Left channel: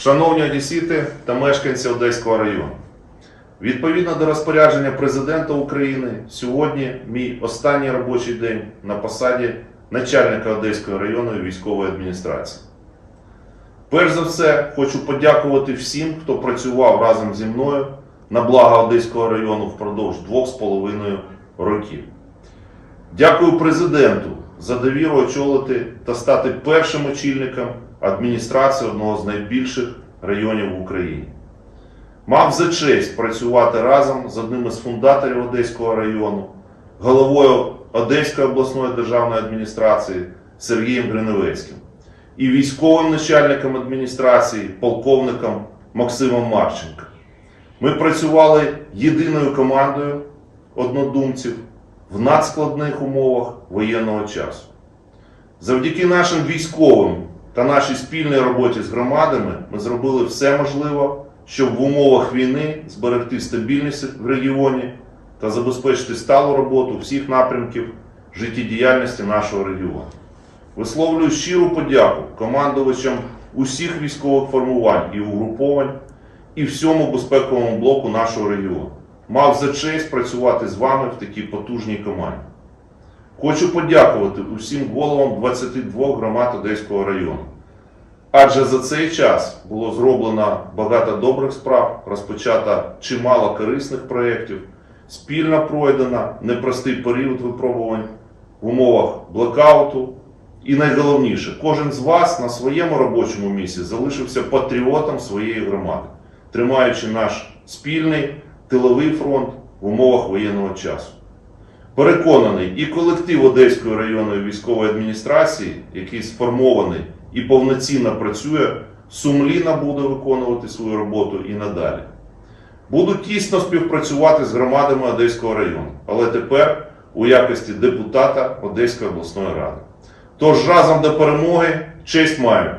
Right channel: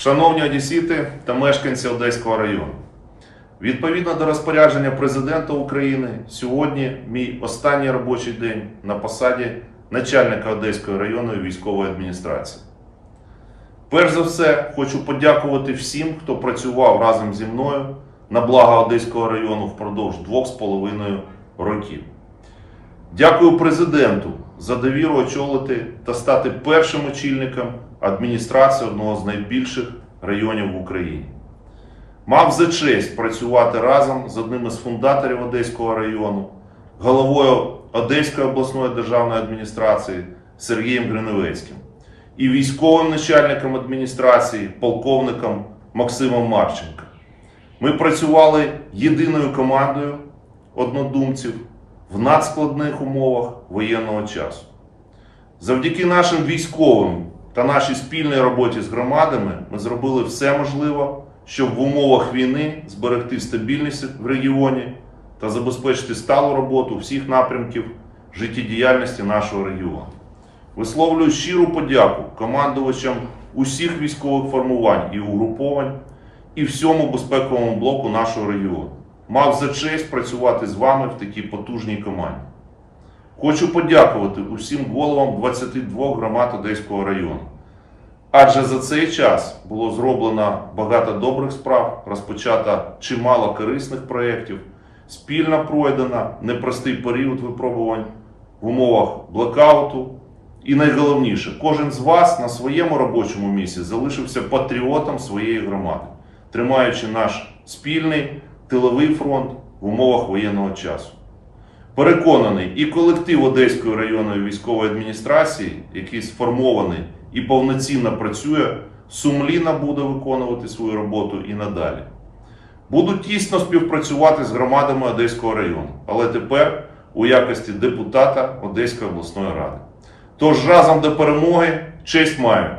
Шановні одесіти та мешканці Одеського району, відповідно до розпорядження президента України, сьогодні мій останній робочий день на посаді начальника Одеської районної військової адміністрації. Перш за все, хочу подякувати всім, хто працював разом зі мною на благо Одеського району впродовж двох з половиною років. Дякую президенту за довіру очолити та стати першим очільником адміністрації одного з найбільших районів в Україні. Мав за честь працювати разом з одним із фундаторів Одеського району, головою Одеської обласної державної адміністрації Сергієм Гриневецьким і військовим начальником адміністрації, полковником Максимом Марченко. Ми працювали єдиною командою однодумців в надскладних умовах воєнного часу. Завдяки нашим військовим та нашій спільній роботі з громадами ми зробили все можливе, щоб в умовах війни зберегти стабільність в регіоні та забезпечити сталу роботу всіх напрямків життєдіяльності нашого регіону. Висловлюю щиру подяку командувачам усіх військових формувань і угруповань і всьому безпековому блоку нашого регіону. Мав за честь працювати з вами в такій потужній команді. Хочу подякувати усім головам 22 громад Одеського району. Адже за цей час було зроблено багато добрих справ, розпочато чимало корисних проєктів, спільно пройдено непростий період випробувань в умовах блекауту. І найголовніше, кожен з вас на своєму робочому місці залишився патріотом своєї громади, тримаючи наш спільний тиловий фронт в умовах воєнного часу. Переконаний, і колектив Одеської районної військової адміністрації, який сформований і повноцінно працює, сумлінно буде виконувати свою роботу і надалі. Буду тісно співпрацювати з громадами Одеського району, але тепер у якості депутата Одеської обласної ради. Тож разом до перемоги честь маю!